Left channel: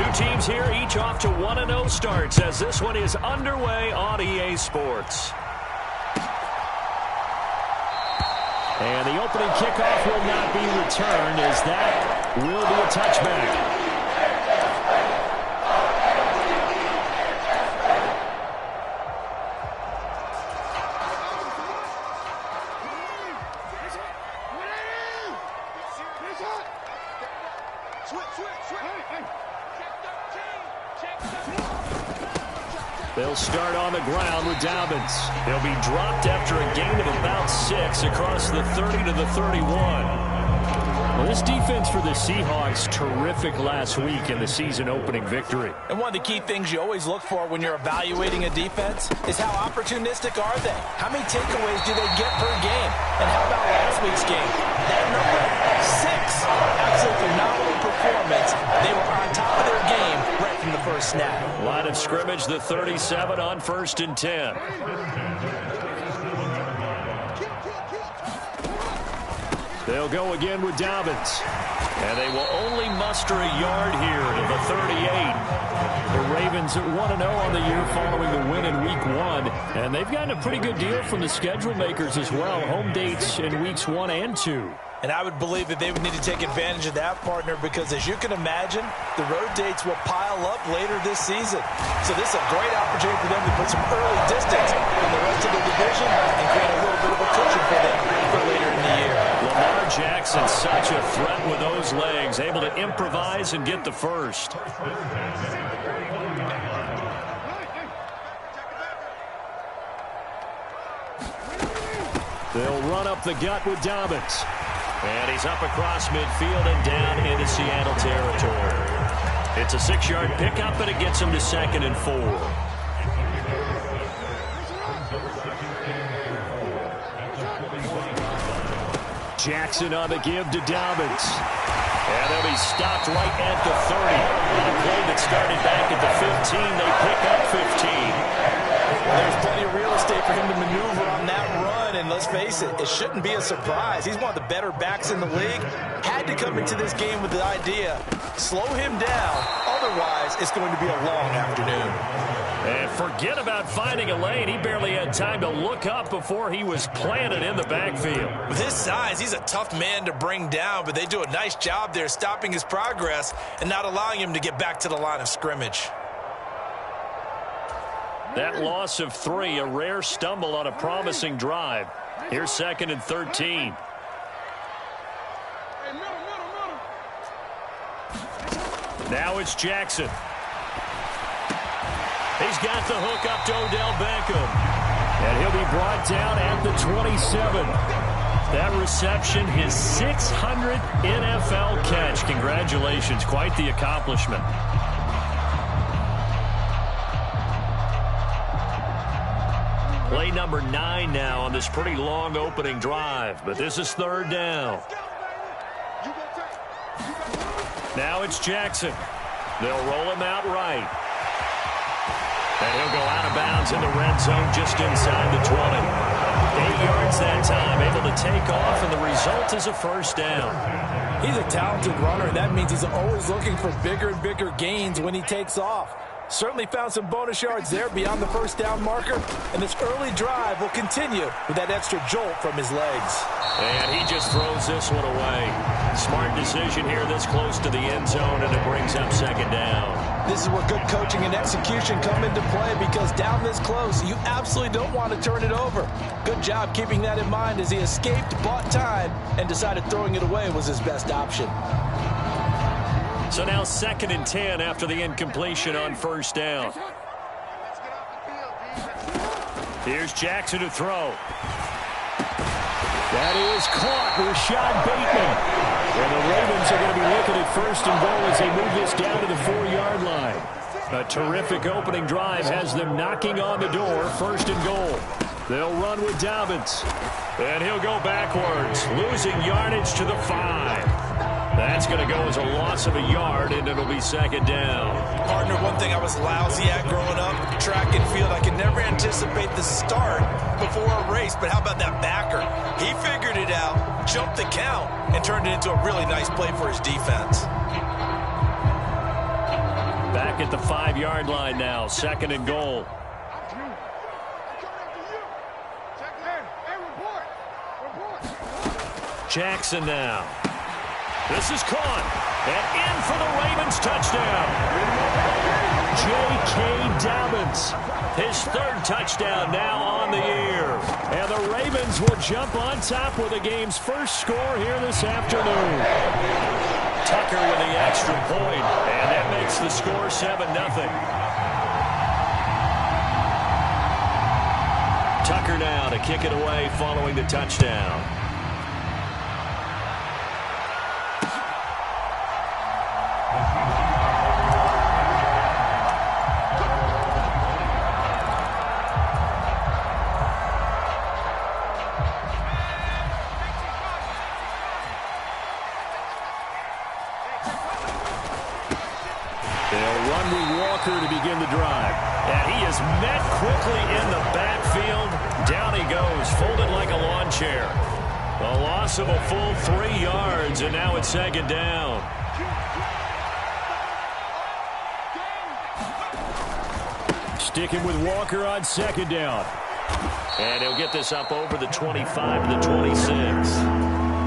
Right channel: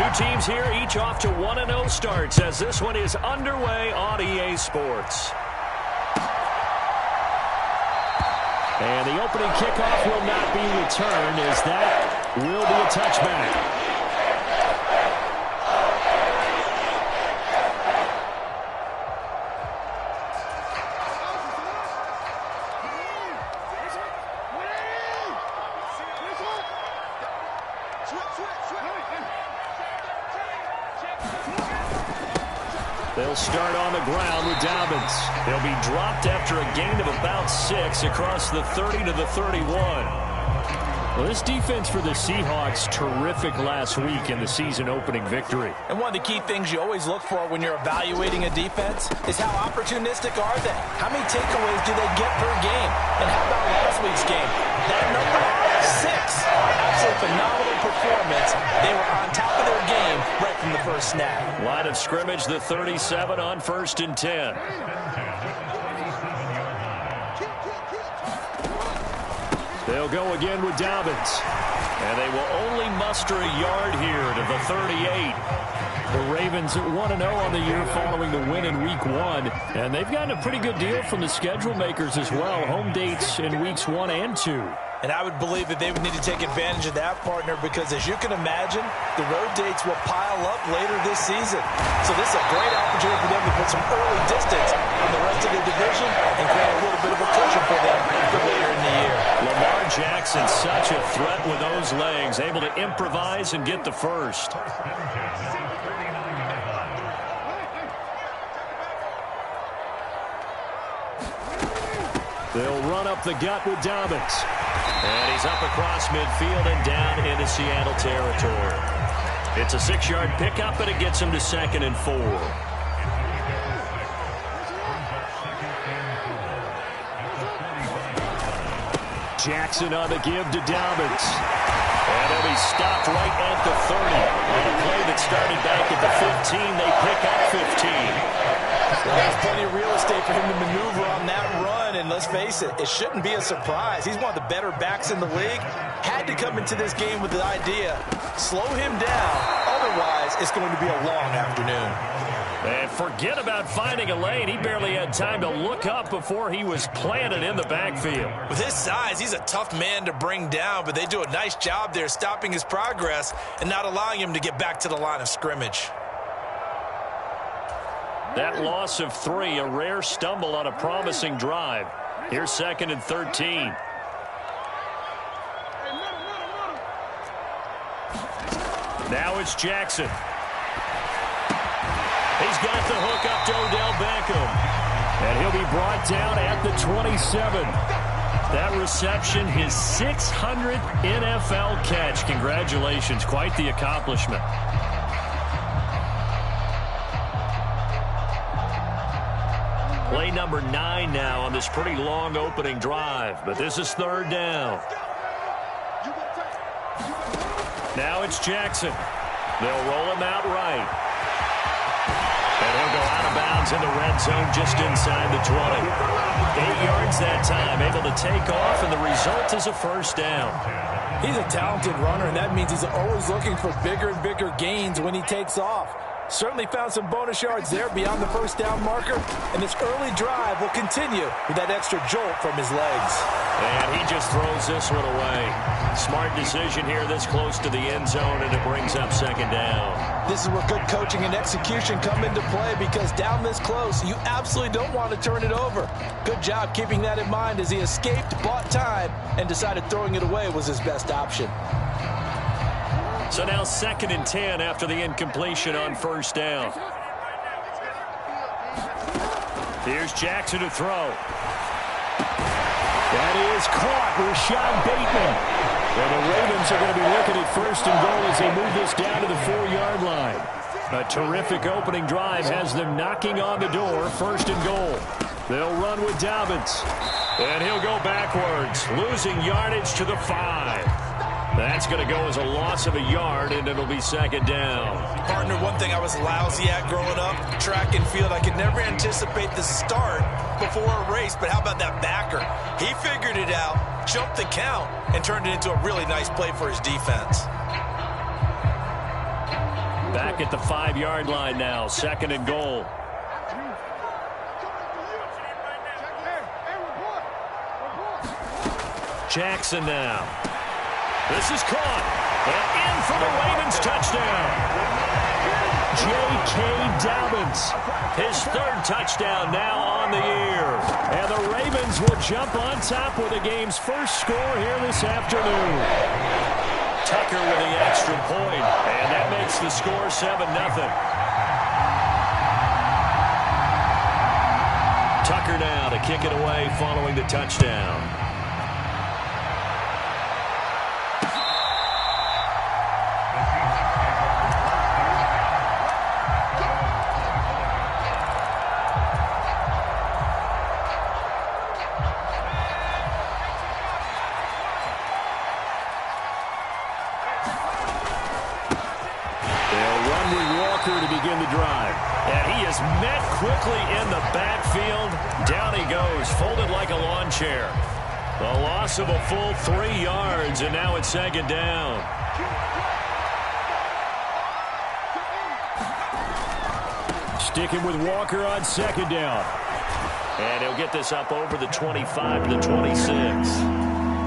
Two teams here, each off to 1-0 starts as this one is underway on EA Sports. And the opening kickoff will not be returned as that will be a touchback. They'll start on the ground with Dobbins. He'll be dropped after a gain of about 6 across the 30 to the 31. Well, this defense for the Seahawks, terrific last week in the season-opening victory. And one of the key things you always look for when you're evaluating a defense is how opportunistic are they? How many takeaways do they get per game? And how about last week's game? That number, 6. Absolutely phenomenal performance. They were on top of their game right from the first snap. Line of scrimmage, the 37 on 1st and 10. They'll go again with Dobbins. And they will only muster a yard here to the 38. The Ravens at 1-0 on the year following the win in Week 1. And they've gotten a pretty good deal from the schedule makers as well. Home dates in Weeks 1 and 2. And I would believe that they would need to take advantage of that, partner, because as you can imagine, the road dates will pile up later this season. So this is a great opportunity for them to put some early distance on the rest of the division and create a little bit of a cushion for them for later in the year. Lamar Jackson, such a threat with those legs, able to improvise and get the first. They'll run up the gut with Dobbins. And he's up across midfield and down into Seattle territory. It's a 6-yard pickup, but it gets him to 2nd and 4. Jackson on the give to Dobbins. And they'll be stopped right at the 30. On a play that started back at the 15, they pick up 15. Well, there's plenty of real estate for him to maneuver on that run, and let's face it, it shouldn't be a surprise. He's one of the better backs in the league. Had to come into this game with the idea, slow him down, otherwise it's going to be a long afternoon. And forget about finding a lane. He barely had time to look up before he was planted in the backfield. With his size, he's a tough man to bring down, but they do a nice job there stopping his progress and not allowing him to get back to the line of scrimmage. That loss of 3, a rare stumble on a promising drive. Here's 2nd and 13. Now it's Jackson. He's got the hook up to Odell Beckham. And he'll be brought down at the 27. That reception, his 600th NFL catch. Congratulations, quite the accomplishment. Play number 9 now on this pretty long opening drive, but this is 3rd down. Now it's Jackson. They'll roll him out right. And he'll go out of bounds in the red zone just inside the 20. 8 yards that time, able to take off, and the result is a 1st down. He's a talented runner, and that means he's always looking for bigger and bigger gains when he takes off. Certainly found some bonus yards there beyond the 1st down marker, and this early drive will continue with that extra jolt from his legs. And he just throws this one away. Smart decision here this close to the end zone, and it brings up 2nd down. This is where good coaching and execution come into play, because down this close, you absolutely don't want to turn it over. Good job keeping that in mind as he escaped, bought time, and decided throwing it away was his best option. So now 2nd and 10 after the incompletion on 1st down. Here's Jackson to throw. That is caught. Rashad Bateman. And the Ravens are going to be looking at 1st and goal as they move this down to the 4-yard line. A terrific opening drive has them knocking on the door. 1st and goal. They'll run with Dobbins. And he'll go backwards, losing yardage to the 5. That's going to go as a loss of a yard, and it'll be 2nd down. Partner, one thing I was lousy at growing up, track and field, I could never anticipate the start before a race, but how about that backer? He figured it out, jumped the count, and turned it into a really nice play for his defense. Back at the 5-yard line now, 2nd and goal. Jackson now. This is caught. And in for the Ravens touchdown. J.K. Dobbins. His 3rd touchdown now on the year. And the Ravens will jump on top with the game's first score here this afternoon. Tucker with the extra point. And that makes the score 7-0. Tucker now to kick it away following the touchdown. They'll run with Walker to begin the drive. And he is met quickly in the backfield. Down he goes, folded like a lawn chair. A loss of a full 3 yards, and now it's 2nd down. Sticking with Walker on 2nd down. And he'll get this up over the 25 to the 26.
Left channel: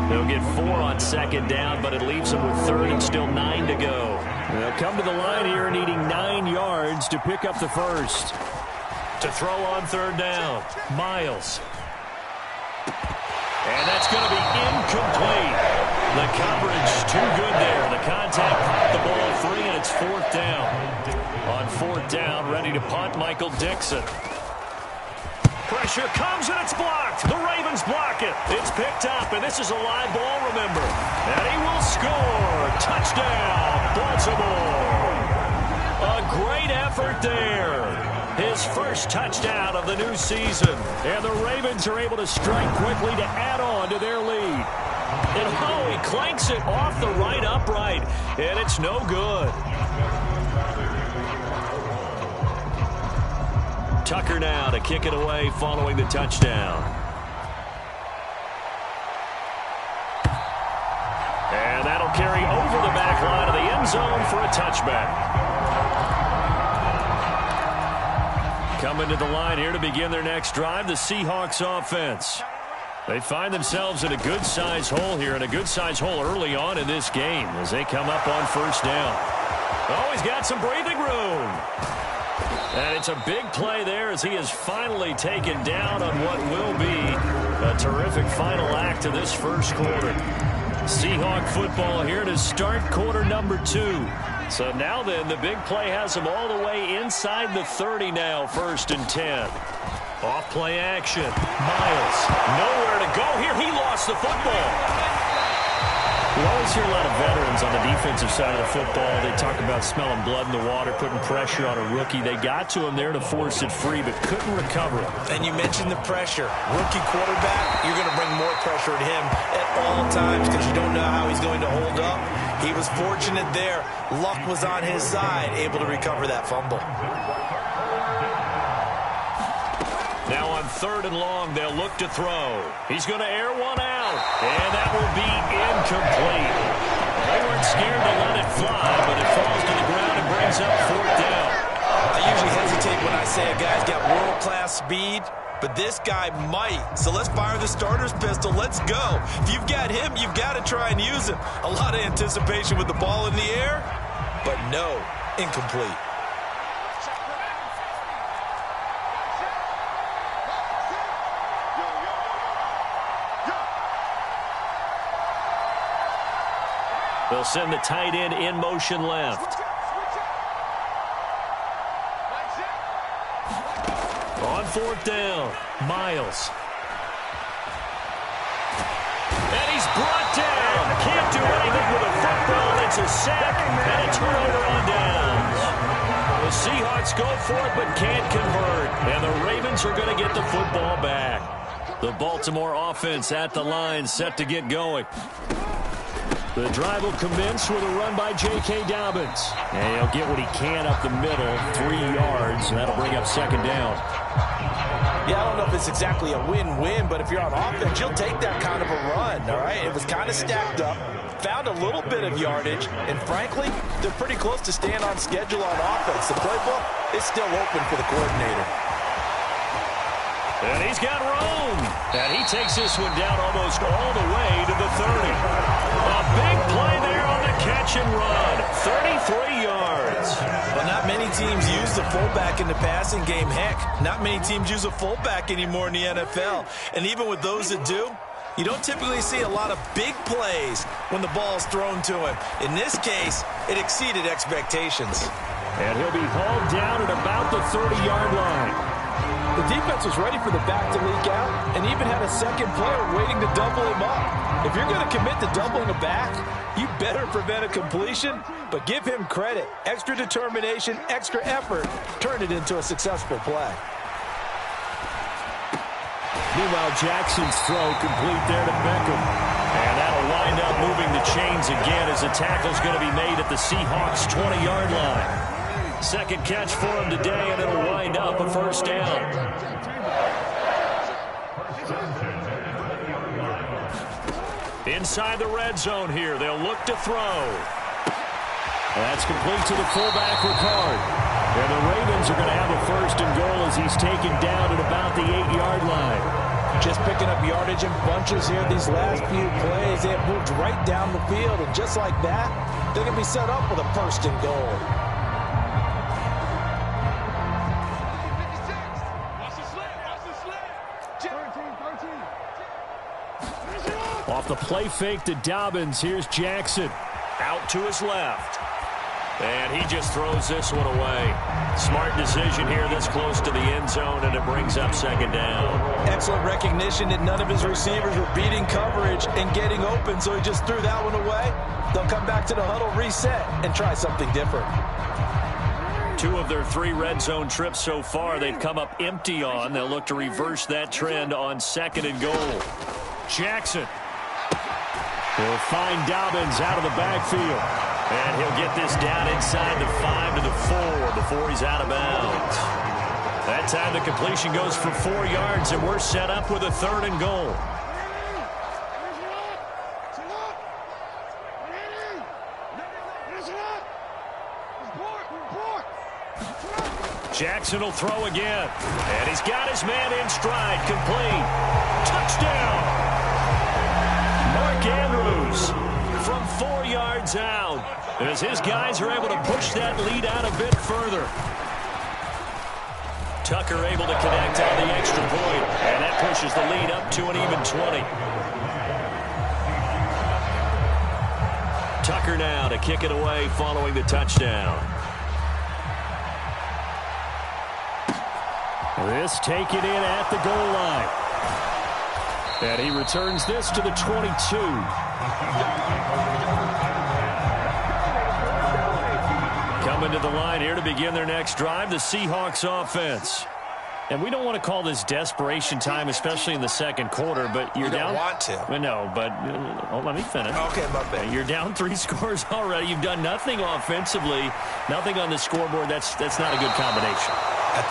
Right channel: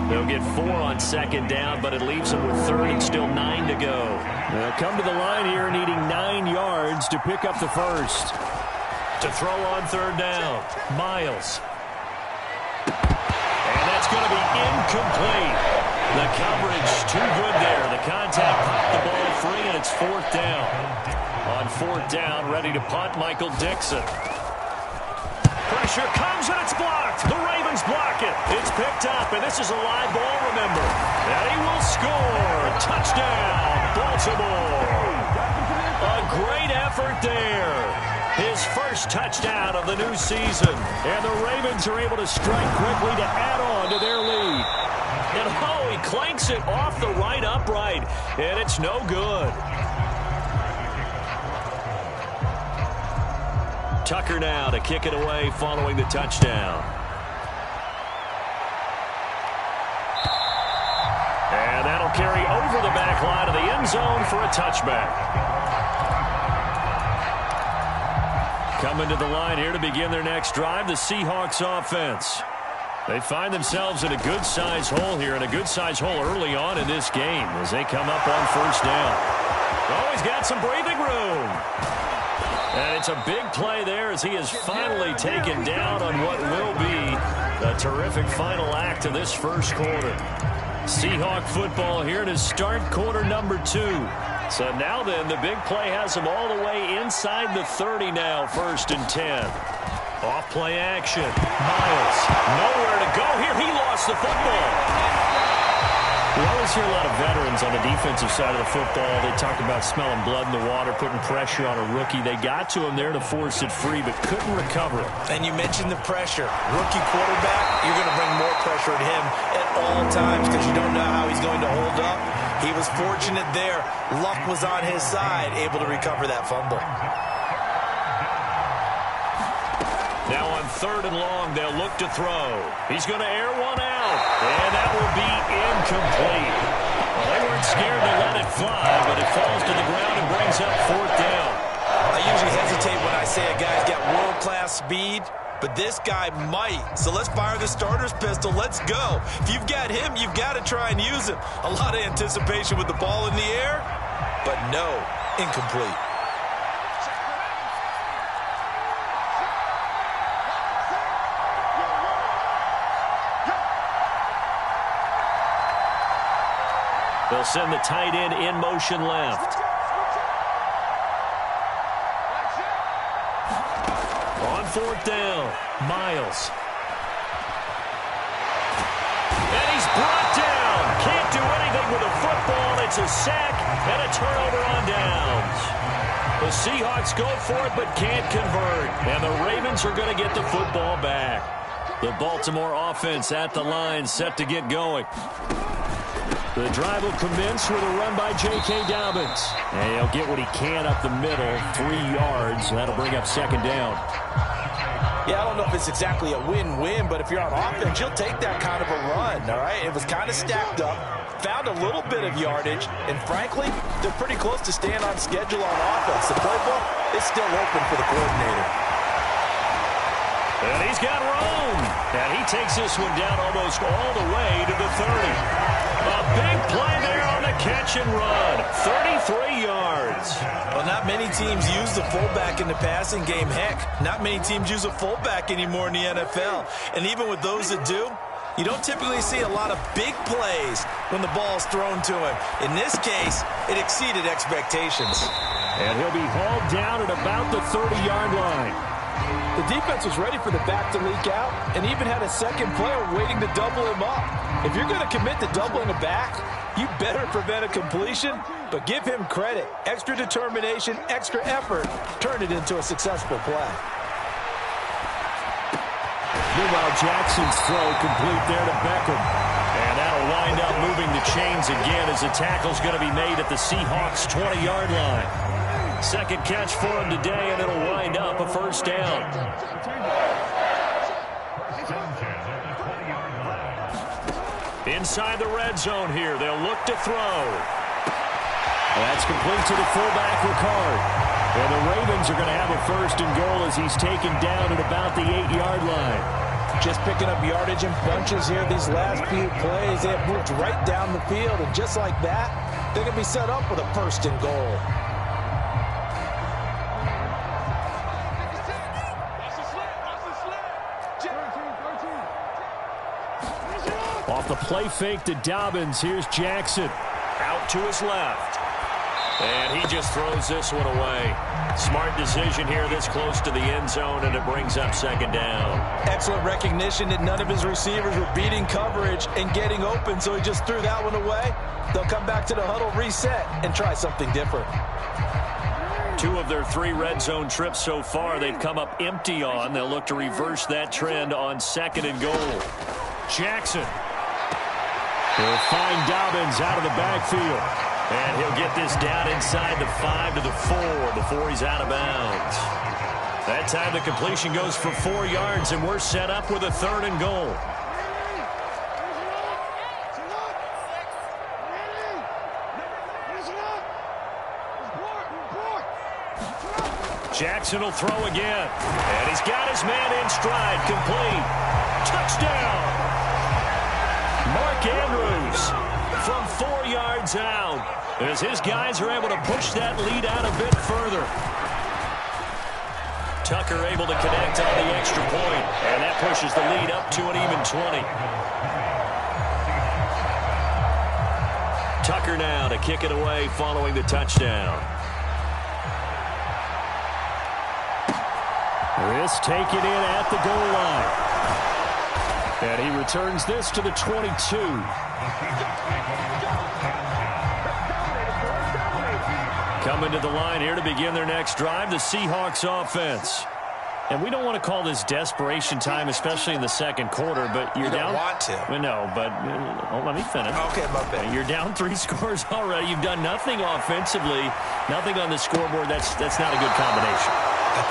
They'll get 4 on 2nd down, but it leaves them with 3rd and still 9 to go. They'll come to the line here needing 9 yards to pick up the first. To throw on 3rd down, Miles. And that's going to be incomplete. The coverage too good there. The contact popped the ball free, and it's 4th down. On 4th down, ready to punt, Michael Dixon. Pressure comes, and it's blocked. The Ravens block it. It's picked up, and this is a live ball, remember. And he will score. Touchdown, Baltimore. A great effort there. His first touchdown of the new season. And the Ravens are able to strike quickly to add on to their lead. And oh, he clanks it off the right upright, and it's no good. Tucker now to kick it away following the touchdown. And that'll carry over the back line of the end zone for a touchback. Coming to the line here to begin their next drive, the Seahawks offense. They find themselves in a good-sized hole here, and a good-sized hole early on in this game as they come up on 1st down. Oh, he's got some breathing room. And it's a big play there as he is finally taken down on what will be a terrific final act of this first quarter. Seahawk football here to start quarter number 2. So now then, the big play has them all the way inside the 30 now, 1st and 10. Off play action. Miles, nowhere to go here. He lost the football. We always hear a lot of veterans on the defensive side of the football. They talk about smelling blood in the water, putting pressure on a rookie. They got to him there to force it free, but couldn't recover it. And you mentioned the pressure. Rookie quarterback, you're going to bring more pressure at him at all times because you don't know how he's going to hold up. He was fortunate there. Luck was on his side, able to recover that fumble. Now on 3rd and long, they'll look to throw. He's going to air one out, and that will be incomplete. Well, they weren't scared to let it fly, but it falls to the ground and brings up 4th down. I usually hesitate when I say a guy's got world-class speed, but this guy might. So let's fire the starter's pistol. Let's go. If you've got him, you've got to try and use him. A lot of anticipation with the ball in the air, but no, incomplete. They'll send the tight end in motion left. On 4th down, Miles. And he's brought down. Can't do anything with a football. It's a sack and a turnover on downs. The Seahawks go for it but can't convert. And the Ravens are going to get the football back. The Baltimore offense at the line set to get going. The drive will commence with a run by J.K. Dobbins. And he'll get what he can up the middle, 3 yards, and that'll bring up 2nd down. Yeah, I don't know if it's exactly a win-win, but if you're on offense, you'll take that kind of a run, all right? It was kind of stacked up. found a little bit of yardage, and frankly, they're pretty close to staying on schedule on offense. The playbook is still open for the coordinator. And he's got room. And he takes this one down almost all the way to the 30. A big play there on the catch and run. 33 yards. Well, not many teams use the fullback in the passing game. Heck, not many teams use a fullback anymore in the NFL. And even with those that do, you don't typically see a lot of big plays when the ball's thrown to him. In this case, it exceeded expectations. And he'll be hauled down at about the 30-yard line. The defense was ready for the back to leak out and even had a second player waiting to double him up. If you're going to commit to doubling a back, you better prevent a completion, but give him credit. Extra determination, extra effort, turn it into a successful play. Meanwhile, Jackson's throw complete there to Beckham. And that'll wind up moving the chains again as the tackle's going to be made at the Seahawks' 20-yard line. Second catch for him today, and it'll wind up a first down. Inside the red zone here, they'll look to throw. That's complete to the fullback, Ricard. And the Ravens are going to have a first and goal as he's taken down at about the 8-yard line. Just picking up yardage in bunches here these last few plays. They have moved right down the field, and just like that, they're going to be set up with a first and goal. Off the play fake to Dobbins, here's Jackson. Out to his left. And he just throws this one away. Smart decision here this close to the end zone, and it brings up second down. Excellent recognition that none of his receivers were beating coverage and getting open, so he just threw that one away. They'll come back to the huddle, reset, and try something different. 2 of their 3 red zone trips so far they've come up empty on. They'll look to reverse that trend on second and goal. Jackson. He'll find Dobbins out of the backfield. And he'll get this down inside the 5 to the 4 before he's out of bounds. That time the completion goes for 4 yards, and we're set up with a third and goal. Jackson will throw again. And he's got his man in stride. Complete. Touchdown. Mark Andrews from 4 yards out as his guys are able to push that lead out a bit further. Tucker able to connect on the extra point, and that pushes the lead up to an even 20. Tucker now to kick it away following the touchdown. This taken in at the goal line. And he returns this to the 22. Coming to the line here to begin their next drive, the Seahawks offense. And we don't want to call this desperation time, especially in the second quarter, but you're down. You don't want to. Well, no, but let me finish. Okay, my bad. You're down 3 scores already. You've done nothing offensively, nothing on the scoreboard. That's not a good combination. I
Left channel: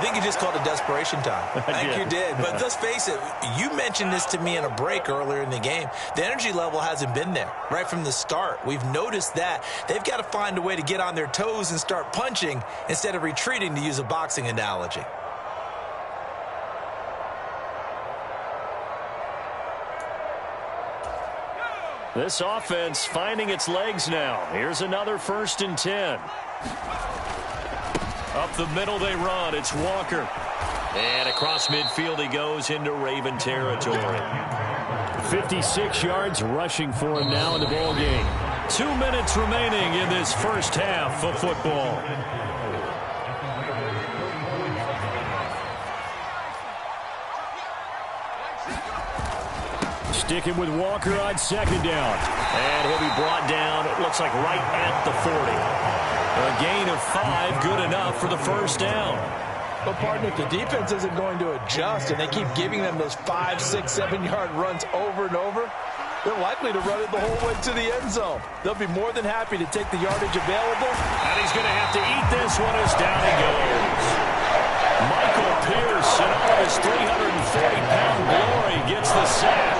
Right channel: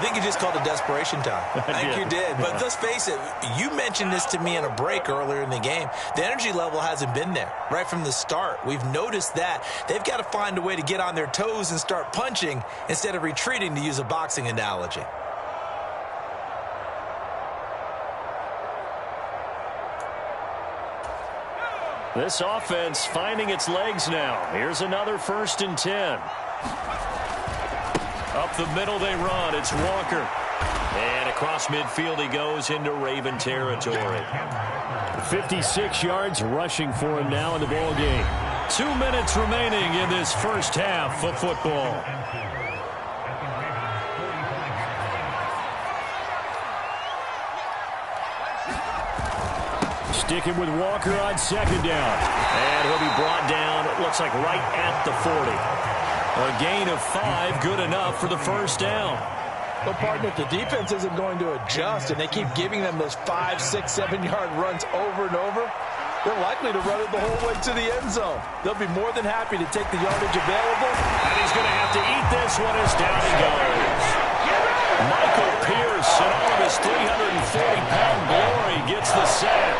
think you just called it desperation time. I think you did. But let's face it, you mentioned this to me in a break earlier in the game. The energy level hasn't been there right from the start. We've noticed that. They've got to find a way to get on their toes and start punching instead of retreating, to use a boxing analogy. This offense finding its legs now. Here's another 1st and 10. Up the middle they run. It's Walker. And across midfield he goes into Raven territory. 56 yards rushing for him now in the ball game. 2 minutes remaining in this first half of football. Sticking with Walker on second down. And he'll be brought down, it looks like right at the 40. A gain of 5, good enough for the first down. But, partner, if the defense isn't going to adjust and they keep giving them those 5, 6, 7-yard runs over and over, they're likely to run it the whole way to the end zone. They'll be more than happy to take the yardage available. And he's going to have to eat this one as down he goes. Michael Pierce, in all of his 340-pound glory, gets the sack.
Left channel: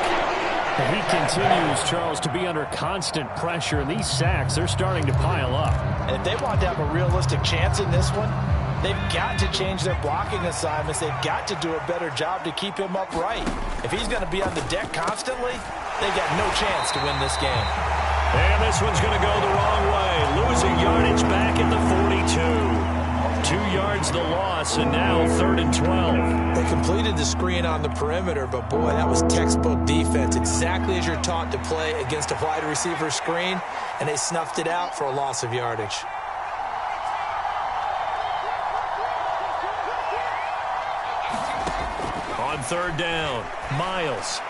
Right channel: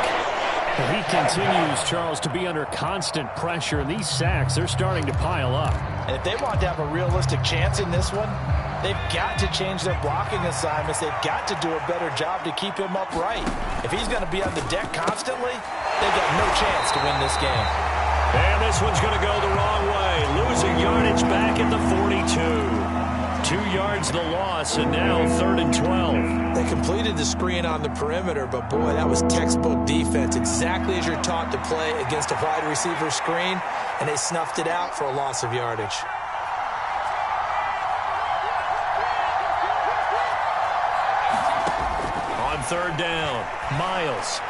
He continues, Charles, to be under constant pressure, and these sacks, they're starting to pile up. And if they want to have a realistic chance in this one, they've got to change their blocking assignments. They've got to do a better job to keep him upright. If he's going to be on the deck constantly, they've got no chance to win this game. And this one's going to go the wrong way. Losing yardage back at the 42. 2 yards the loss, and now 3rd and 12. They completed the screen on the perimeter, but boy, that was textbook defense. Exactly as you're taught to play against a wide receiver screen, and they snuffed it out for a loss of yardage. On 3rd down, Miles.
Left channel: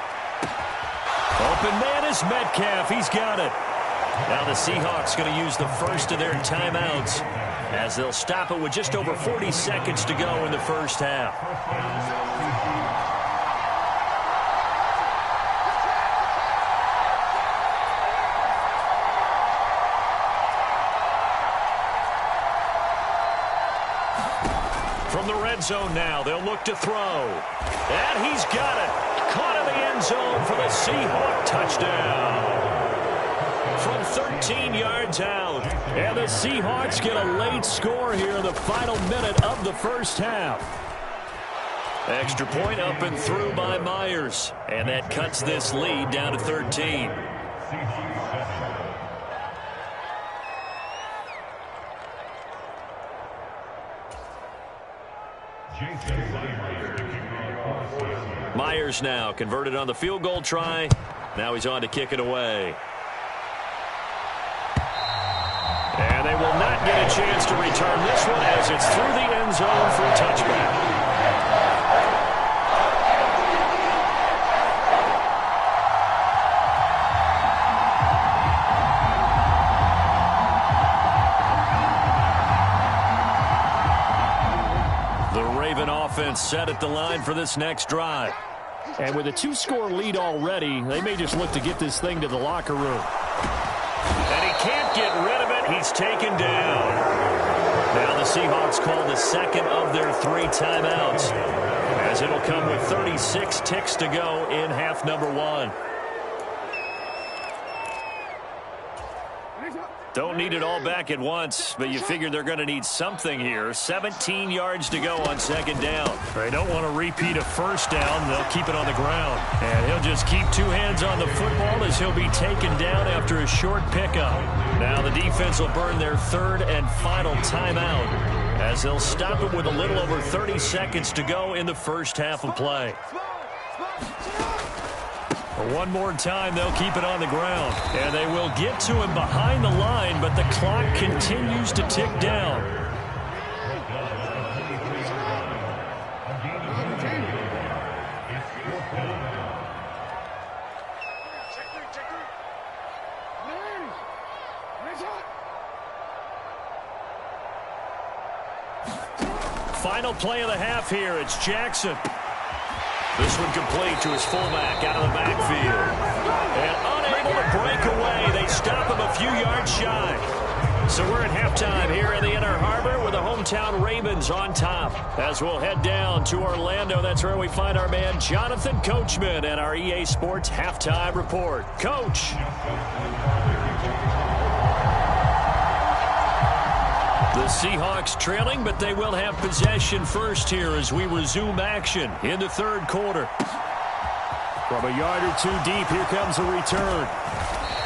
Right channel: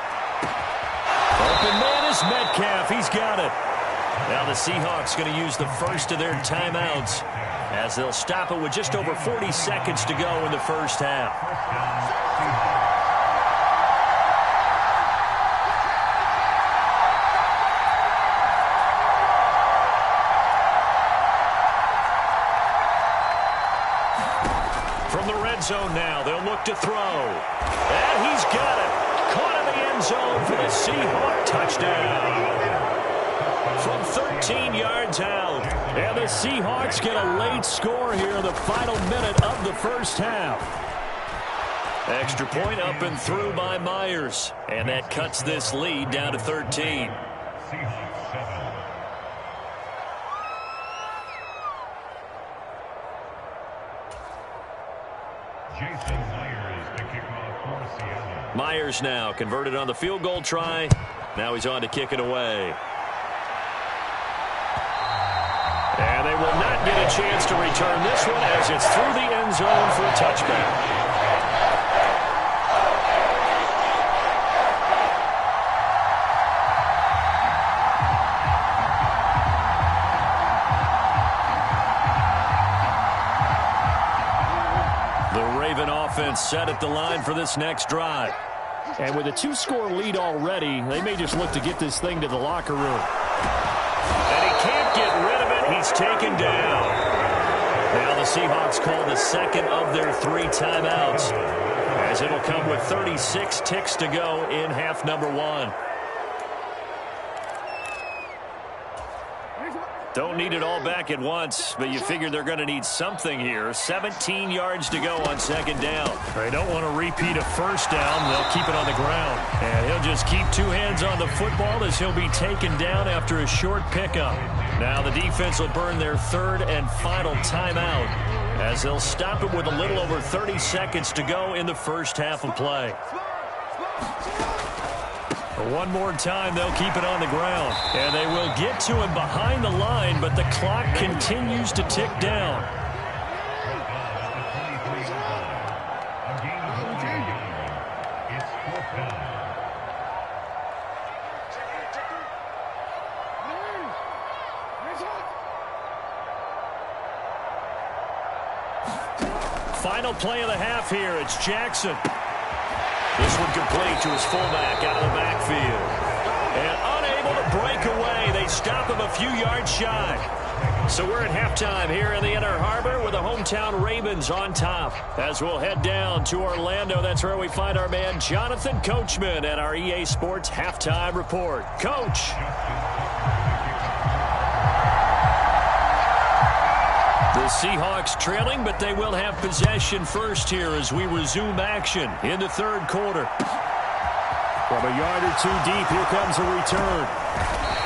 Open man is Metcalf. He's got it. Now the Seahawks going to use the first of their timeouts as they'll stop it with just over 40 seconds to go in the first half. From the red zone now, they'll look to throw. And he's got it. Caught in the end zone for the Seahawk touchdown. From 13 yards out. And the Seahawks get a late score here in the final minute of the first half. Extra point up and through by Myers. And that cuts this lead down to 13. Myers now converted on the field goal try. Now he's on to kick it away. And they will not get a chance to return this one as it's through the end zone for a touchback. The Raven offense set at the line for this next drive. And with a 2-score lead already, they may just look to get this thing to the locker room. And he can't get rid of it. He's taken down. Now the Seahawks call the second of their 3 timeouts, as it'll come with 36 ticks to go in half number 1. Don't need it all back at once, but you figure they're going to need something here. 17 yards to go on 2nd down. They don't want to repeat a first down. They'll keep it on the ground. And he'll just keep 2 hands on the football as he'll be taken down after a short pickup. Now the defense will burn their 3rd and final timeout as they'll stop it with a little over 30 seconds to go in the first half of play. One more time, they'll keep it on the ground. And they will get to him behind the line, but the clock continues to tick down. Final play of the half here. It's Jackson. This one complete to his fullback out of the backfield. And unable to break away. They stop him a few yards shy. So we're at halftime here in the Inner Harbor with the hometown Ravens on top. As we'll head down to Orlando, that's where we find our man Jonathan Coachman at our EA Sports Halftime Report. Coach. The Seahawks trailing, but they will have possession first here as we resume action in the 3rd quarter. From a yard or 2 deep, here comes a return.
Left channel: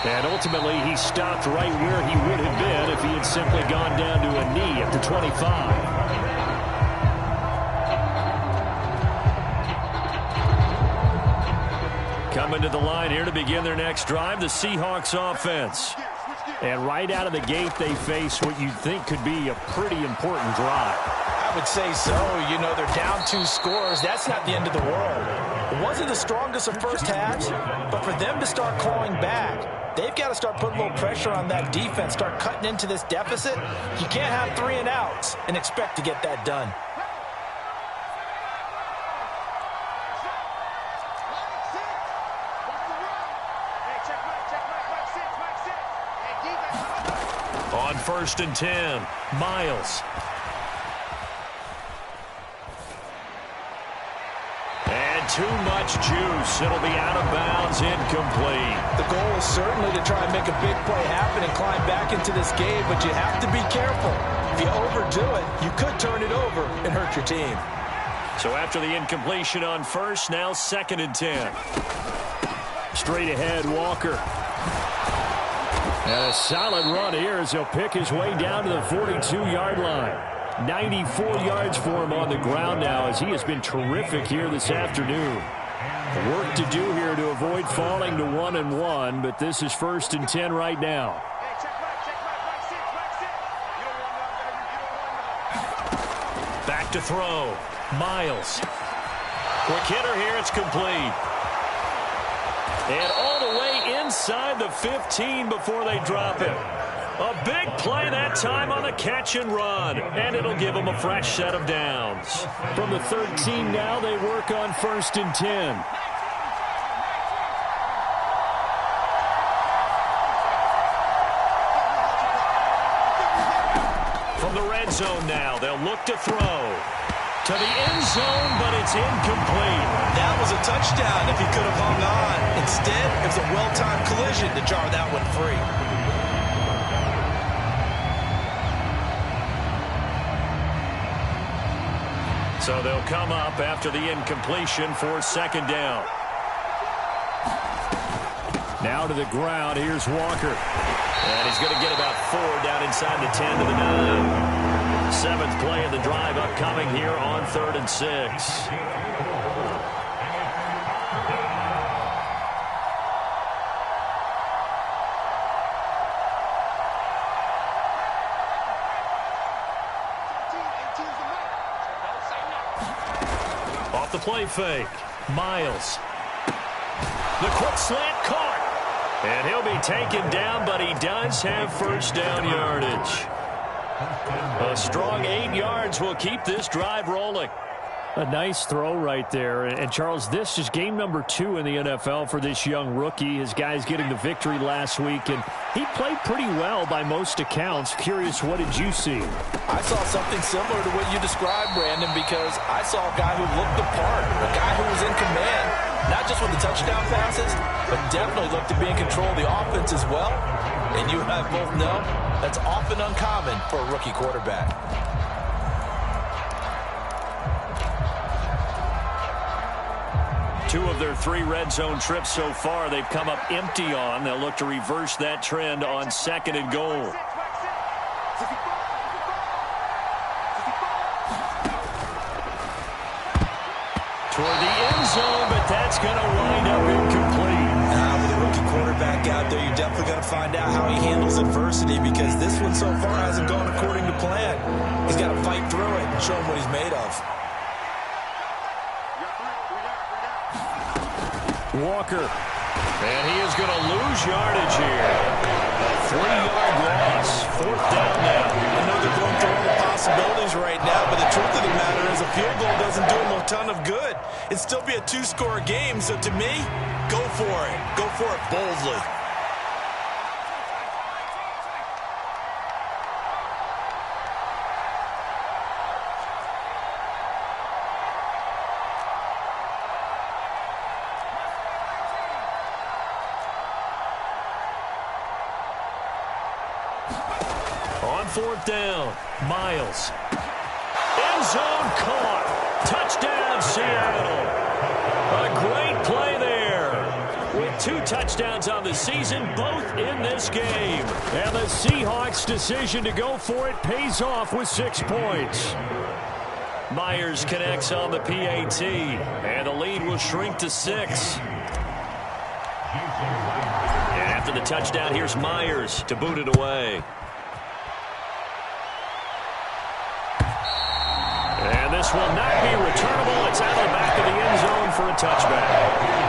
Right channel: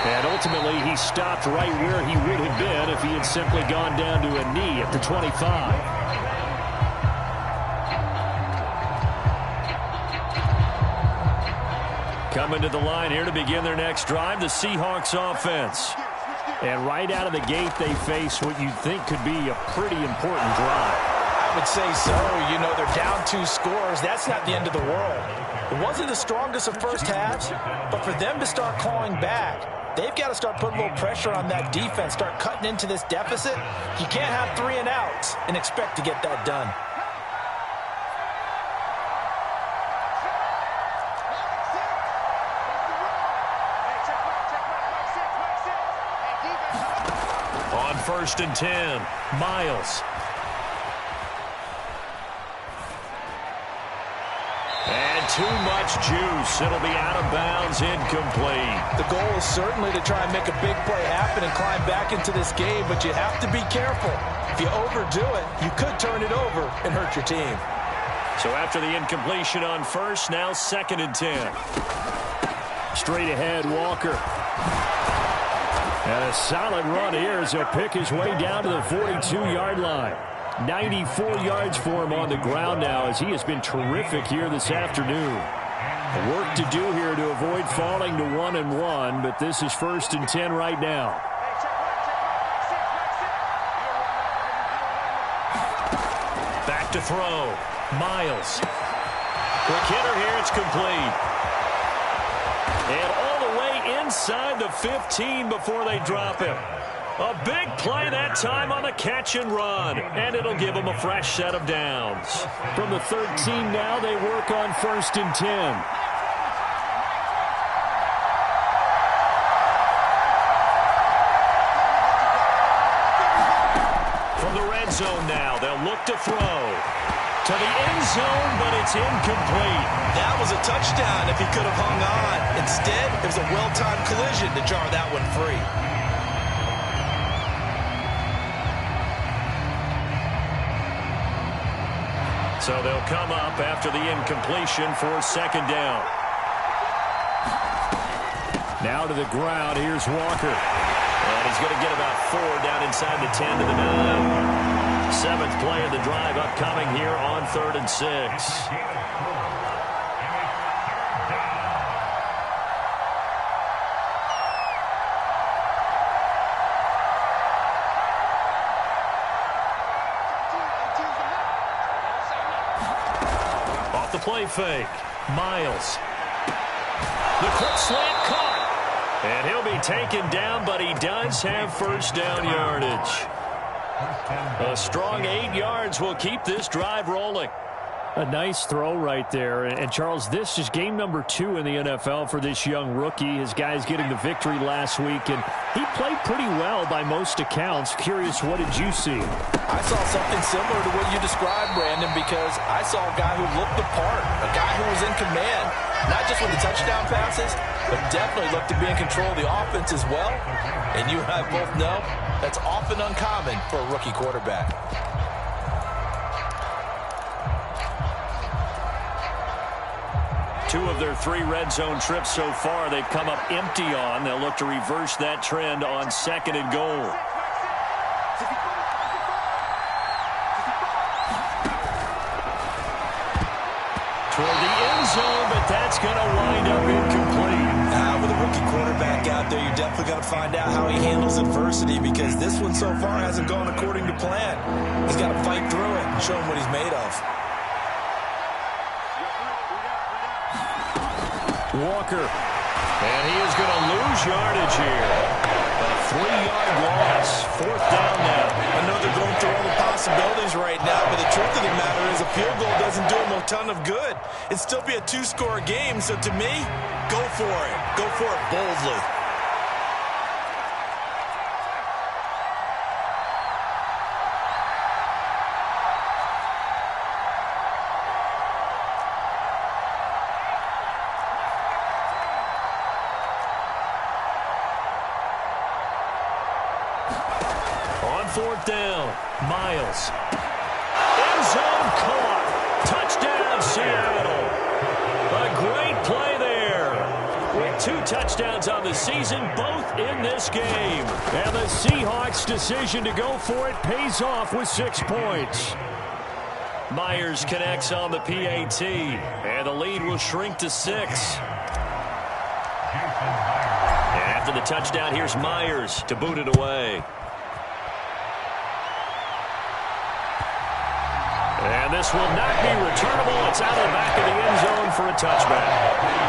And ultimately, he stopped right where he would have been if he had simply gone down to a knee at the 25. Coming to the line here to begin their next drive, the Seahawks offense. And right out of the gate, they face what you'd think could be a pretty important drive. I would say so. You know, they're down 2 scores. That's not the end of the world. It wasn't the strongest of first halves, but for them to start clawing back, they've got to start putting a little pressure on that defense, start cutting into this deficit. You can't have 3 and outs and expect to get that done. On 1st and 10, Miles. And had too much juice. It'll be out of bounds, incomplete. The goal is certainly to try and make a big play happen and climb back into this game, but you have to be careful. If you overdo it, you could turn it over and hurt your team. So after the incompletion on first, now 2nd and 10. Straight ahead, Walker. And a solid run here as he'll pick his way down to the 42-yard line. 94 yards for him on the ground now as he has been terrific here this afternoon. Work to do here to avoid falling to 1-1, but this is 1st and 10 right now. Back to throw. Miles. Quick hitter here. It's complete. And all the way inside the 15 before they drop it. A big play that time on the catch and run. And it'll give them a fresh set of downs. From the 13 now, they work on 1st and 10. From the red zone now, they'll look to throw. To the end zone, but it's incomplete. That was a touchdown if he could have hung on. Instead, it was a well-timed collision to jar that one free. So they'll come up after the incompletion for 2nd down. Now to the ground. Here's Walker. And he's going to get about 4 down inside the 10 to the 9. 7th play of the drive upcoming here on 3rd and 6. Off the play fake. Miles. The quick slant caught. And he'll be taken down, but he does have 1st down yardage. A strong 8 yards will keep this drive rolling. A nice throw right there. And, Charles, this is game number 2 in the NFL for this young rookie. His guys getting the victory last week, and he played pretty well by most accounts. Curious, what did you see? I saw something similar to what you described, Brandon, because I saw a guy who looked the part, a guy who was in command, not just with the touchdown passes, but definitely looked to be in control of the offense as well. And you and I both know that's often uncommon for a rookie quarterback. Two of their 3 red zone trips so far, they've come up empty on. They'll look to reverse that trend on 2nd and goal. Toward the end zone, but that's going to wind up incomplete. With a rookie quarterback out there, you're definitely going to find out how he handles adversity, because this one so far hasn't gone according to plan. He's got to fight through it and show him what he's made of. Walker. And he is going to lose yardage here. A 3-yard loss. 4th down now. I know they're going through all the possibilities right now, but the truth of the matter is a field goal doesn't do them a ton of good. It'd still be a 2-score game, so to me, go for it. Go for it boldly. On 4th down, Miles. End zone caught. Touchdown, Seattle. A great play there. With 2 touchdowns on the season, both in this game. And the Seahawks' decision to go for it pays off with 6 points. Myers connects on the PAT, and the lead will shrink to 6. And after the touchdown, here's Myers to boot it away. And this will not be returnable. It's out of the back of the end zone for a touchback.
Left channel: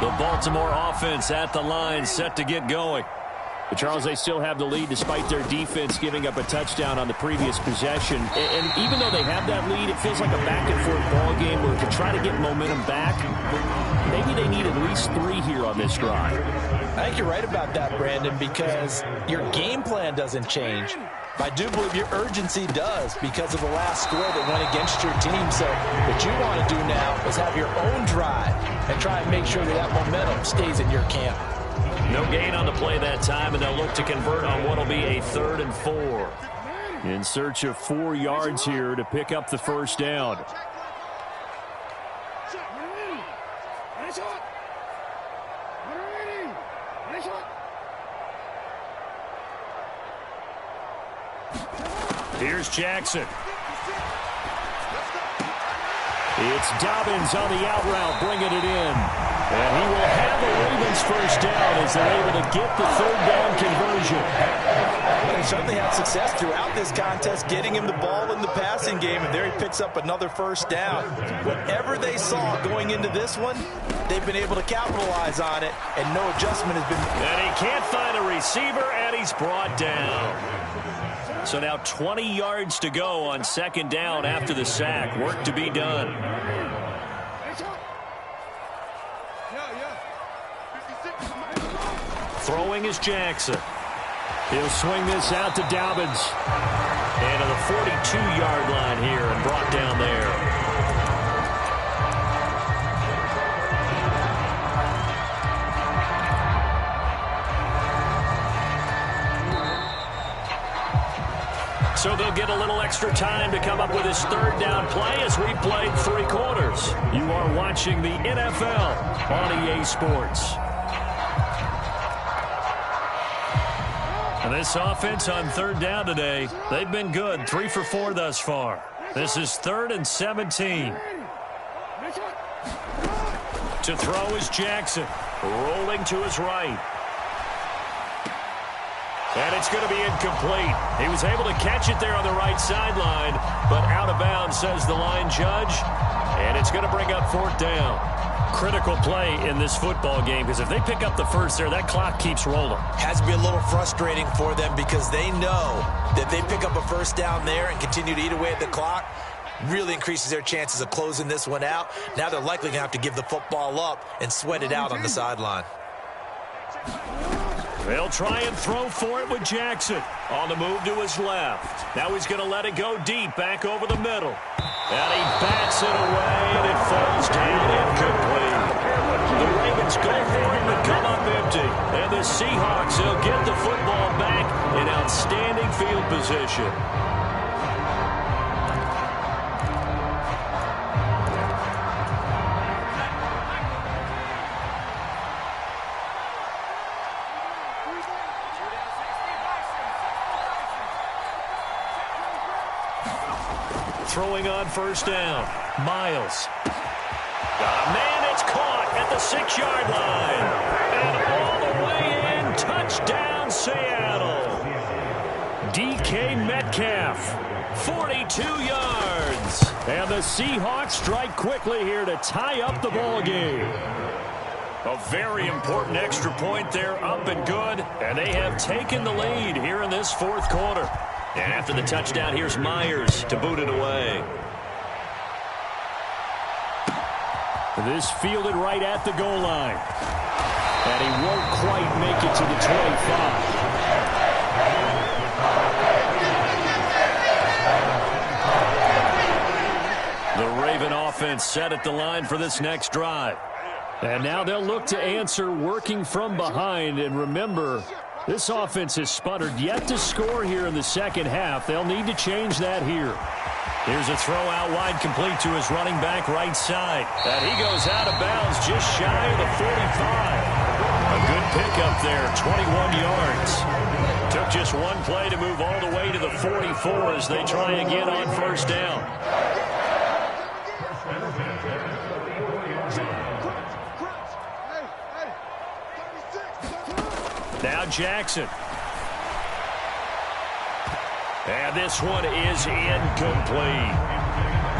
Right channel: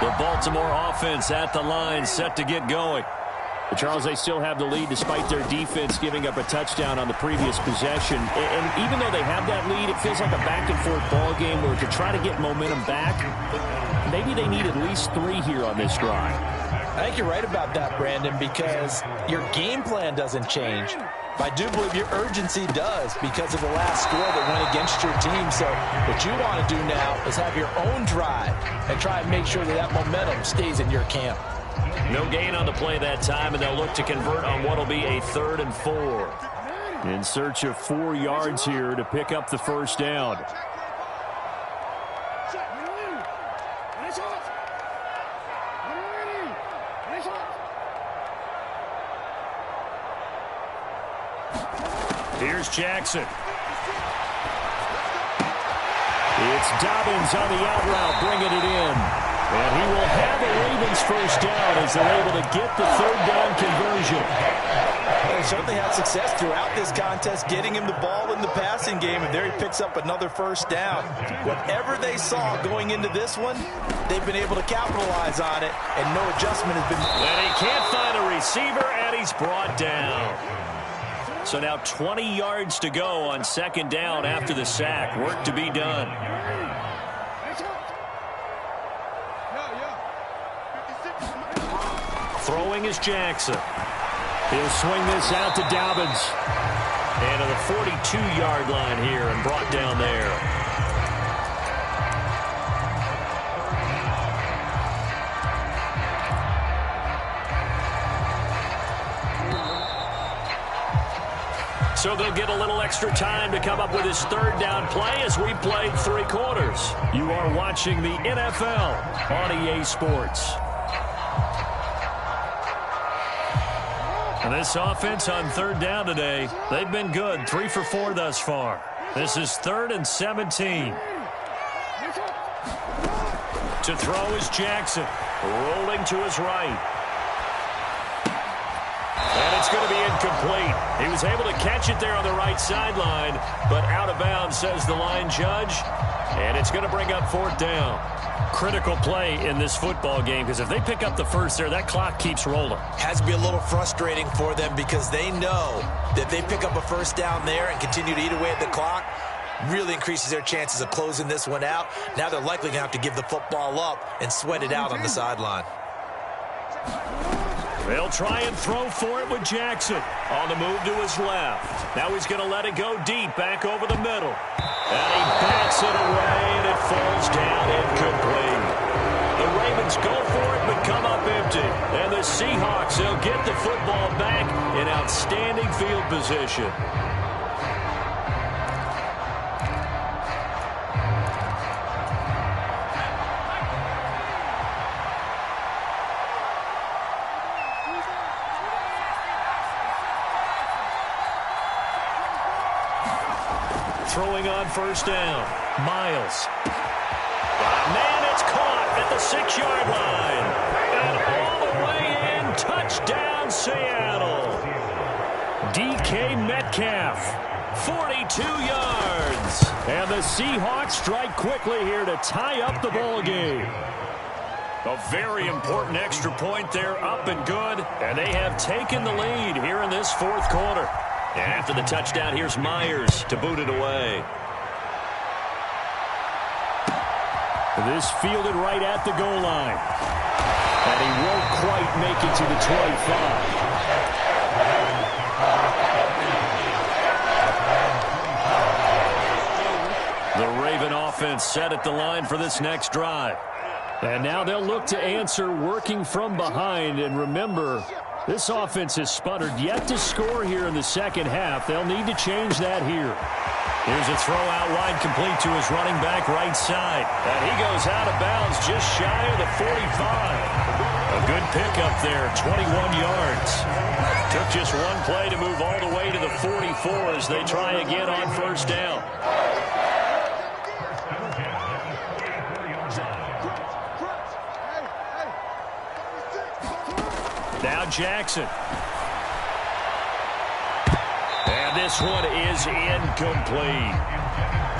The Baltimore offense at the line, set to get going. But Charles, they still have the lead despite their defense giving up a touchdown on the previous possession. And even though they have that lead, it feels like a back-and-forth ball game where to try to get momentum back, maybe they need at least 3 here on this drive. I think you're right about that, Brandon, because your game plan doesn't change. I do believe your urgency does because of the last score that went against your team. So what you want to do now is have your own drive and try and make sure that that momentum stays in your camp. No gain on the play that time, and they'll look to convert on what will be a 3rd and 4. In search of 4 yards here to pick up the first down. Here's Jackson. It's Dobbins on the out route, bringing it in. And he will have a Ravens first down as they're able to get the 3rd down conversion. They certainly had success throughout this contest, getting him the ball in the passing game, and there he picks up another first down. Whatever they saw going into this one, they've been able to capitalize on it, and no adjustment has been. And he can't find a receiver, and he's brought down. So now 20 yards to go on 2nd down after the sack. Work to be done. Throwing is Jackson. He'll swing this out to Dobbins. And to the 42-yard line here and brought down there. So they'll get a little extra time to come up with his 3rd down play as we played 3 quarters. You are watching the NFL on EA Sports. And this offense on 3rd down today, they've been good. 3 for 4 thus far. This is 3rd and 17. To throw is Jackson. Rolling to his right. And it's going to be incomplete. He was able to catch it there on the right sideline, but out of bounds, says the line judge. And it's going to bring up 4th down. Critical play in this football game because if they pick up the first there, that clock keeps rolling. Has to be a little frustrating for them because they know that they pick up a first down there and continue to eat away at the clock, really increases their chances of closing this one out. Now they're likely going to have to give the football up and sweat it out on the sideline. They'll try and throw for it with Jackson. On the move to his left. Now he's going to let it go deep, back over the middle. And he bats it away, and it falls down incomplete. The Ravens go for it, but come up empty. And the Seahawks, they'll get the football back in outstanding field position. Throwing on first down. Miles. Got a man, it's caught at the 6-yard line. And all the way in, touchdown Seattle. DK Metcalf, 42 yards. And the Seahawks strike quickly here to tie up the ball game. A very important extra point there, up and good. And they have taken the lead here in this 4th quarter. And after the touchdown, here's Myers to boot it away. This fielded right at the goal line. And he won't quite make it to the 25. The Raven offense set at the line for this next drive. And now they'll look to answer working from behind. And remember, this offense has sputtered yet to score here in the 2nd half. They'll need to change that here. Here's a throw out wide, complete to his running back right side. And he goes out of bounds just shy of the 45. A good pickup there, 21 yards. Took just one play to move all the way to the 44 as they try again on first down. Now Jackson. And this one is incomplete.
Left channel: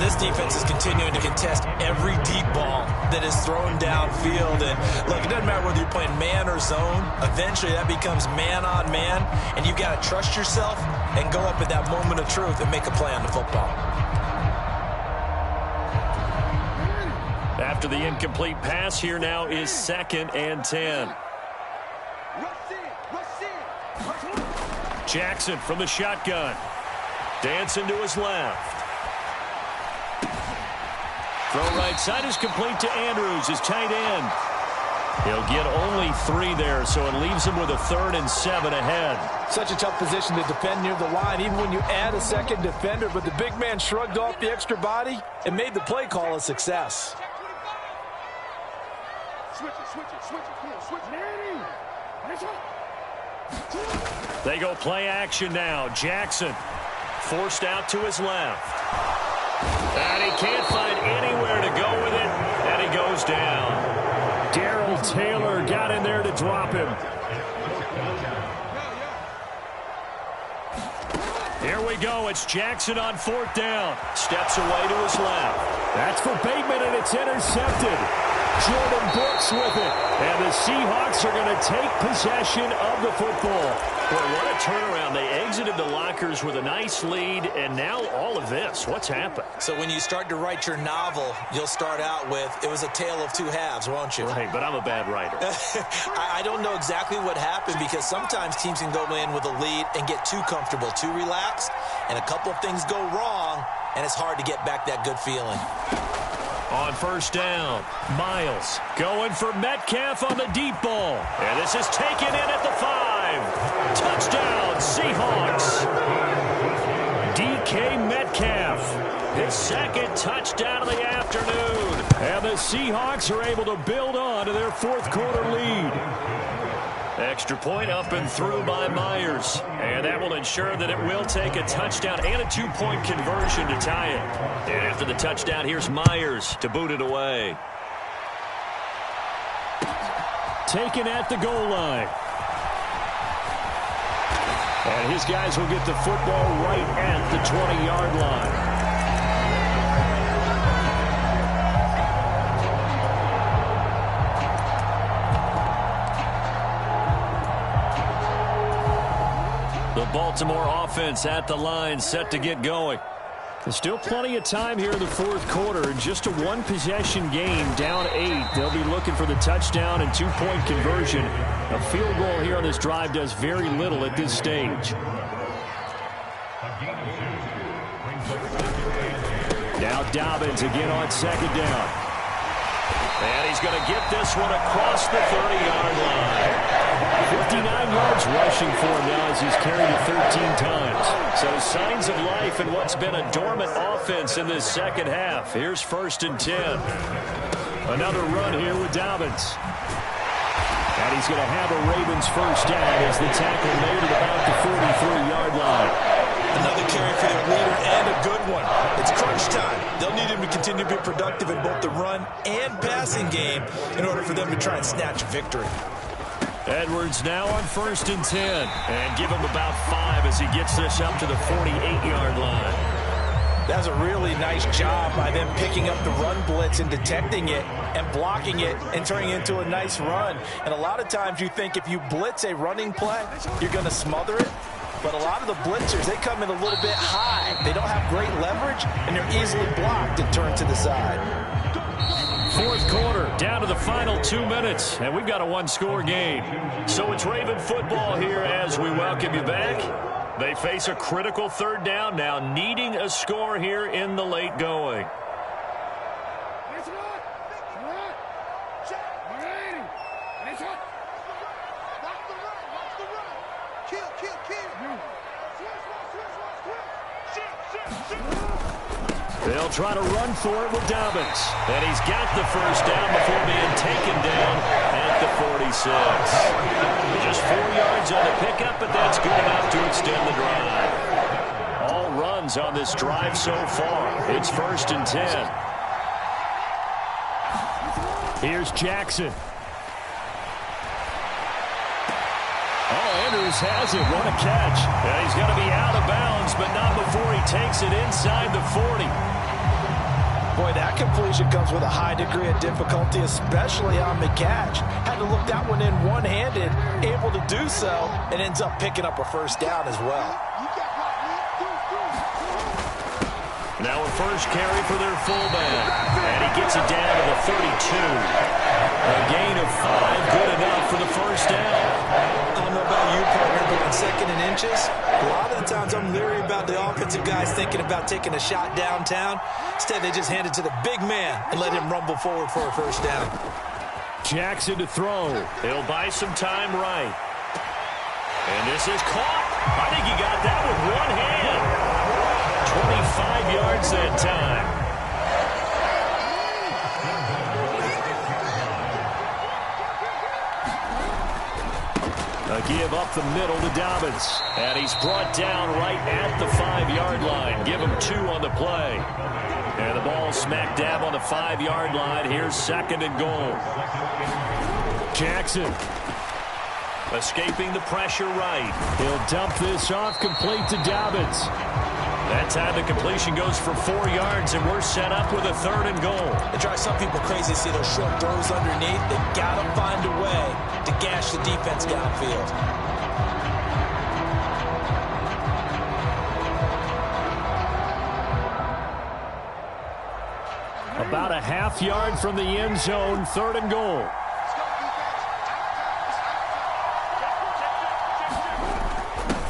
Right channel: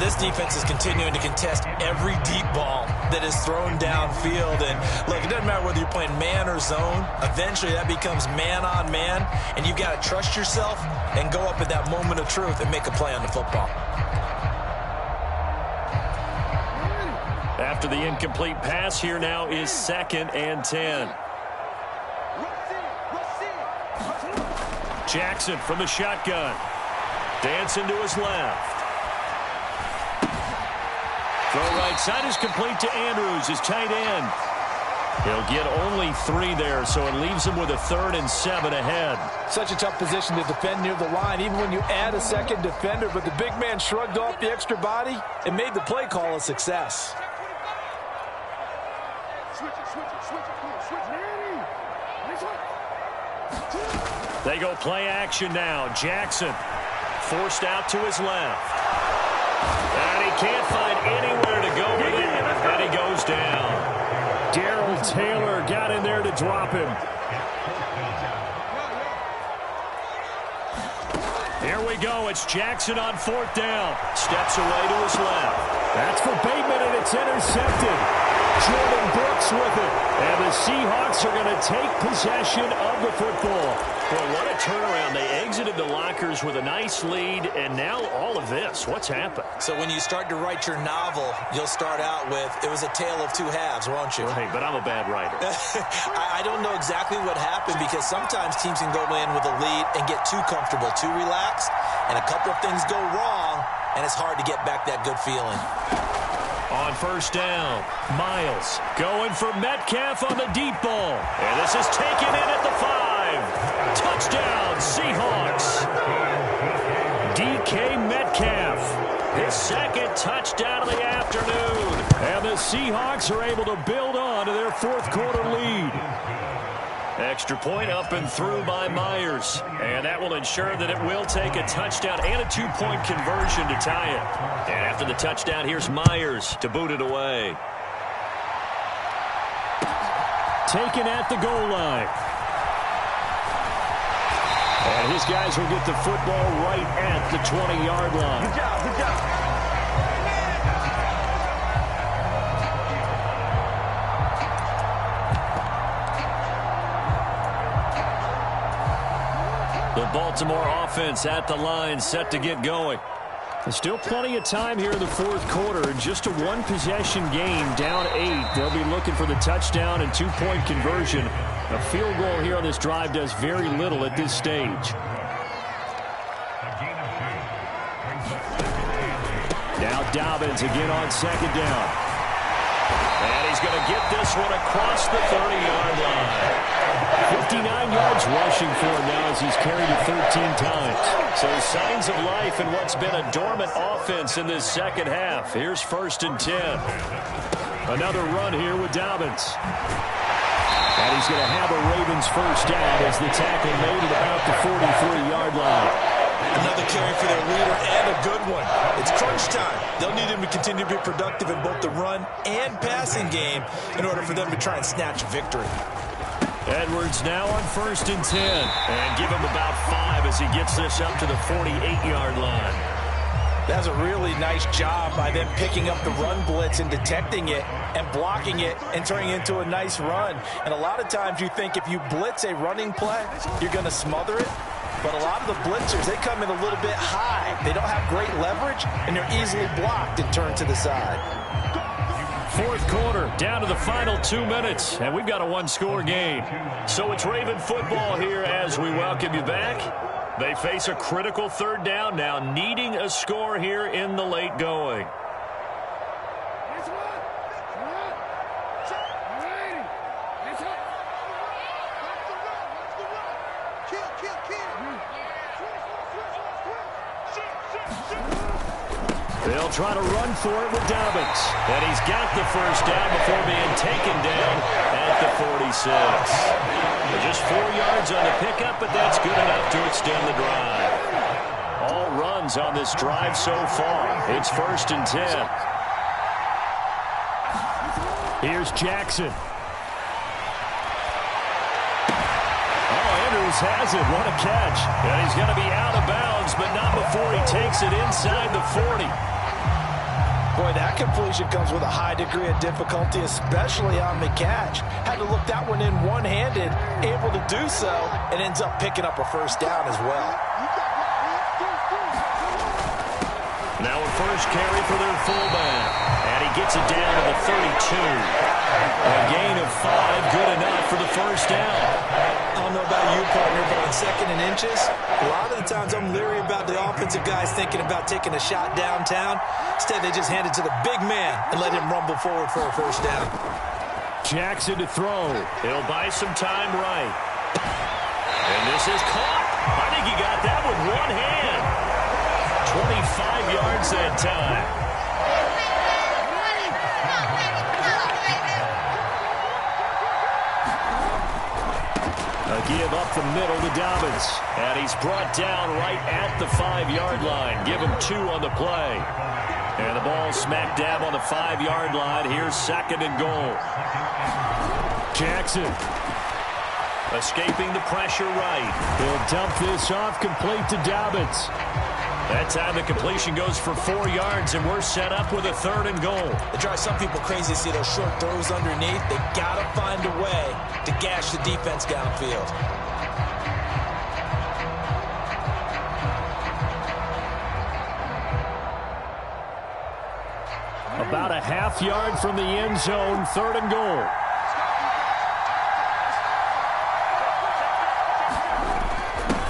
this defense is continuing to contest every deep ball that is thrown downfield. And look, it doesn't matter whether you're playing man or zone. Eventually that becomes man on man, and you've got to trust yourself and go up at that moment of truth and make a play on the football. After the incomplete pass, here now is 2nd and 10. Jackson from the shotgun. Dancing to his left. Throw right side is complete to Andrews, his tight end. He'll get only 3 there, so it leaves him with a 3rd and 7 ahead. Such a tough position to defend near the line, even when you add a second defender. But the big man shrugged off the extra body and made the play call a success. Switch it. Come on, switch it. They go play action now. Jackson forced out to his left. And he can't find anywhere to go with it, and he goes down. Darrell Taylor got in there to drop him. Here we go. It's Jackson on 4th down. Steps away to his left. That's for Bateman, and it's intercepted. Jordan Brooks with it. And the Seahawks are going to take possession of the football. Boy, what a turnaround. They exited the lockers with a nice lead, and now all of this. What's happened? So when you start to write your novel, you'll start out with, it was a tale of 2 halves, won't you? Right, but I'm a bad writer. I don't know exactly what happened, because sometimes teams can go in with a lead and get too comfortable, too relaxed, and a couple of things go wrong, and it's hard to get back that good feeling. On 1st down, Miles going for Metcalf on the deep ball. And this is taken in at the 5. Touchdown, Seahawks. DK Metcalf, his 2nd touchdown of the afternoon. And the Seahawks are able to build on to their 4th quarter lead. Extra point up and through by Myers. And that will ensure that it will take a touchdown and a 2-point conversion to tie it. And after the touchdown, here's Myers to boot it away. Taken at the goal line. And his guys will get the football right at the 20-yard line. The Baltimore offense at the line, set to get going. There's still plenty of time here in the 4th quarter. Just a 1-possession game, down 8. They'll be looking for the touchdown and 2-point conversion. A field goal here on this drive does very little at this stage. Now Dobbins again on 2nd down. And he's going to get this one across the 30-yard line. 59 yards rushing for him now as he's carried it 13 times. So signs of life in what's been a dormant offense in this 2nd half. Here's 1st and 10. Another run here with Dobbins. And he's going to have a Ravens 1st down as the tackle made at about the 43-yard line. Another carry for their leader, and a good one. It's crunch time. They'll need him to continue to be productive in both the run and passing game in order for them to try and snatch a victory. Edwards now on 1st and 10. And give him about 5 as he gets this up to the 48-yard line. That's a really nice job by them picking up the run blitz and detecting it and blocking it and turning it into a nice run. And a lot of times you think if you blitz a running play, you're going to smother it. But a lot of the blitzers, they come in a little bit high. They don't have great leverage, and they're easily blocked and turned to the side. 4th quarter, down to the final 2 minutes, and we've got a 1-score game. So it's Raven football here as we welcome you back. They face a critical 3rd down now, needing a score here in the late going. They'll try to run for it with Dobbins. And he's got the 1st down before being taken down at the 46. Just 4 yards on the pickup, but that's good enough to extend the drive. All runs on this drive so far. It's 1st and 10. Here's Jackson. Oh, Andrews has it. What a catch. And he's going to be out of bounds, but not before he takes it inside the 40. Boy, that completion comes with a high degree of difficulty, especially on the catch. Had to look that one in one-handed, able to do so, and ends up picking up a first down as well. Now a first carry for their fullback, and he gets it down to the 32. A gain of 5, good enough for the first down. I don't know about you, partner, but on 2nd and inches, a lot of the times I'm leery about the offensive guys thinking about taking a shot downtown. Instead, they just hand it to the big man and let him rumble forward for a first down. Jackson to throw. He'll buy some time right. And this is caught. I think he got that with one hand. 25 yards that time. A give up the middle to Dobbins. And he's brought down right at the 5-yard line. Give him 2 on the play. And the ball smack dab on the 5-yard line. Here's 2nd and goal. Jackson escaping the pressure right. He'll dump this off complete to Dobbins. That time the completion goes for 4 yards, and we're set up with a 3rd and goal. It drives some people crazy to see those short throws underneath. They got to find a way to gash the defense downfield. About a half yard from the end zone, 3rd and goal.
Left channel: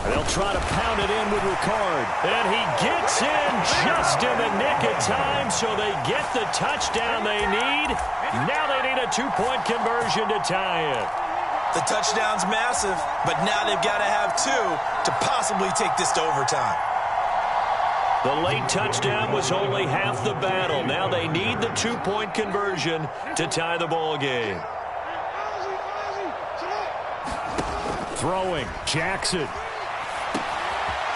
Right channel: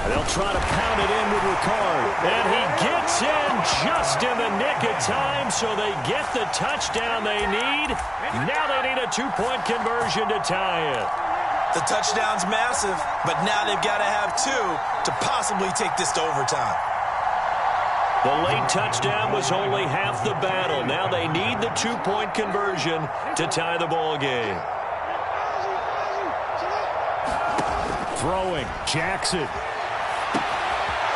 They'll try to pound it in with Ricard. And he gets in just in the nick of time, so they get the touchdown they need. Now they need a 2-point conversion to tie it. The touchdown's massive, but now they've got to have 2 to possibly take this to overtime. The late touchdown was only half the battle. Now they need the 2-point conversion to tie the ball game. Throwing, Jackson.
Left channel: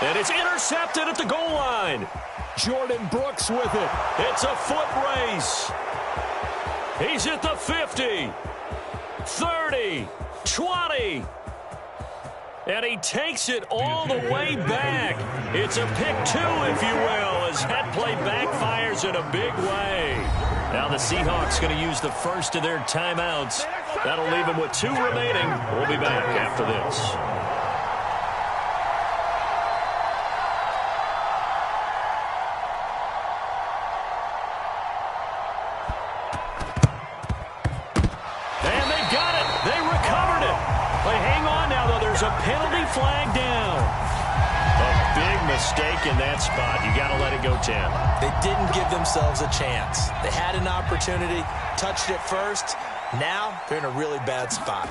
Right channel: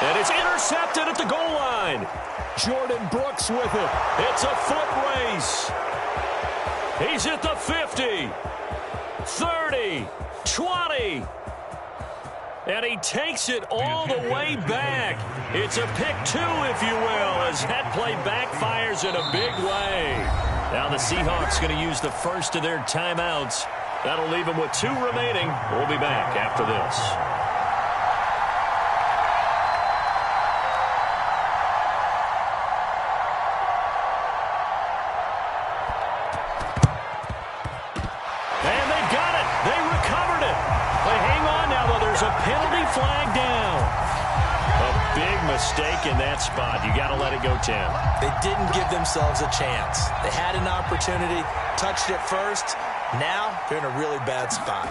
And it's intercepted at the goal line. Jordan Brooks with it. It's a foot race. He's at the 50, 30, 20. And he takes it all the way back. It's a pick 2, if you will, as that play backfires in a big way. Now the Seahawks going to use the first of their timeouts. That'll leave them with 2 remaining. We'll be back after this. And they've got it. They recovered it. They hang on now, though. There's a penalty flag down. A big mistake in that spot. You got to let it go, Tim. They didn't give themselves a chance. They had an opportunity, touched it first. Now they're in a really bad spot.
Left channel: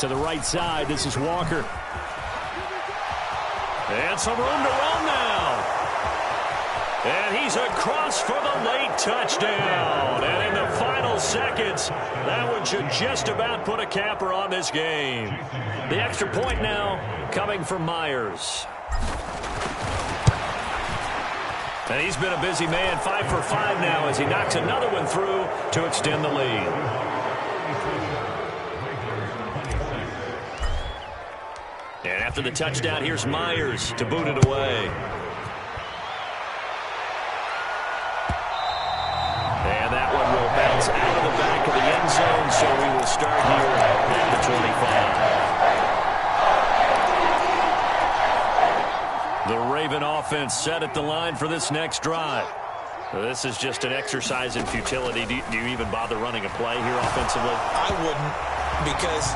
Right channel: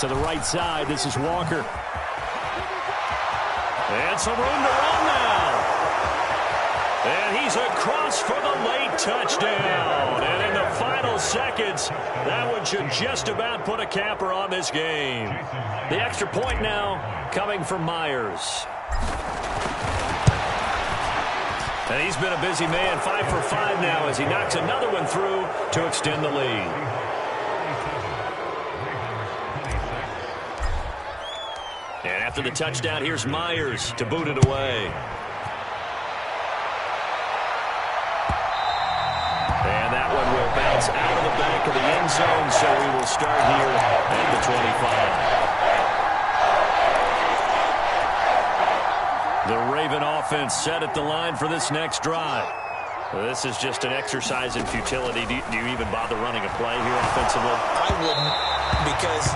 To the right side, this is Walker. And some room to run now. And he's across for the late touchdown. And in the final seconds, that one should just about put a capper on this game. The extra point now coming from Myers. And he's been a busy man, 5 for 5 now as he knocks another one through to extend the lead. And after the touchdown, here's Myers to boot it away. And that one will bounce out of the back of the end zone, so we will start here at the 25. The Raven offense set at the line for this next drive. This is just an exercise in futility. Do you even bother running a play here offensively? I wouldn't, because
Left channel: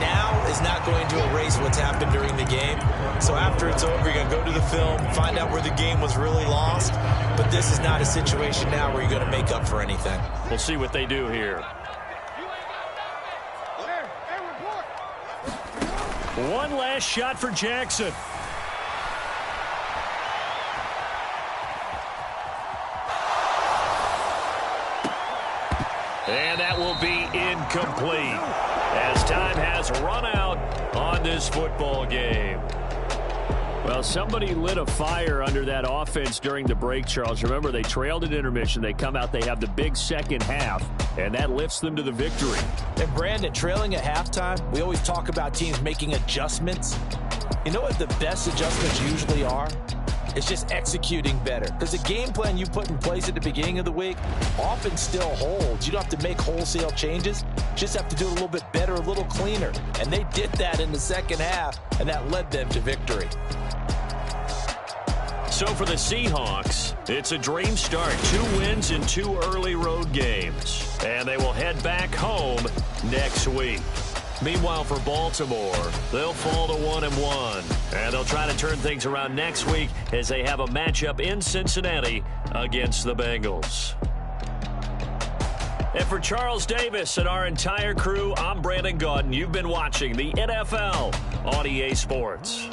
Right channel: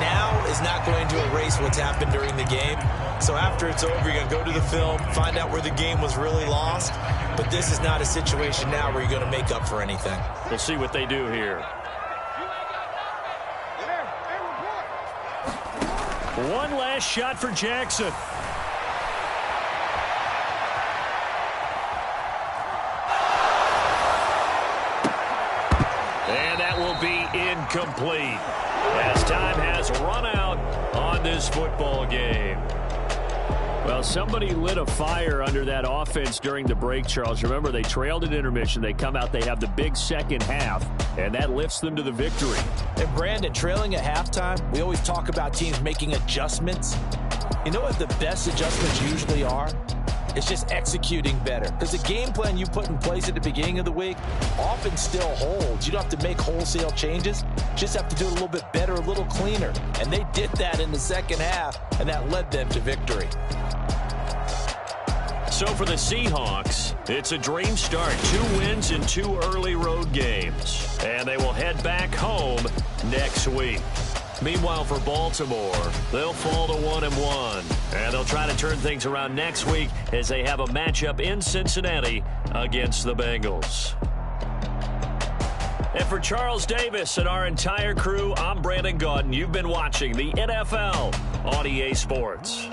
now is not going to erase what's happened during the game. So after it's over, you're going to go to the film, find out where the game was really lost. But this is not a situation now where you're going to make up for anything. We'll see what they do here. One last shot for Jackson. And that will be incomplete as time has run out on this football game. Well, somebody lit a fire under that offense during the break, Charles. Remember, they trailed at intermission. They come out, they have the big second half, and that lifts them to the victory. And, Brandon, trailing at halftime, we always talk about teams making adjustments. You know what the best adjustments usually are? It's just executing better. Because the game plan you put in place at the beginning of the week often still holds. You don't have to make wholesale changes. Just have to do it a little bit better, a little cleaner. And they did that in the second half, and that led them to victory. So for the Seahawks, it's a dream start. 2 wins in 2 early road games. And they will head back home next week. Meanwhile, for Baltimore, they'll fall to 1-1. And they'll try to turn things around next week as they have a matchup in Cincinnati against the Bengals. And for Charles Davis and our entire crew, I'm Brandon Gaudin. You've been watching the NFL on EA Sports.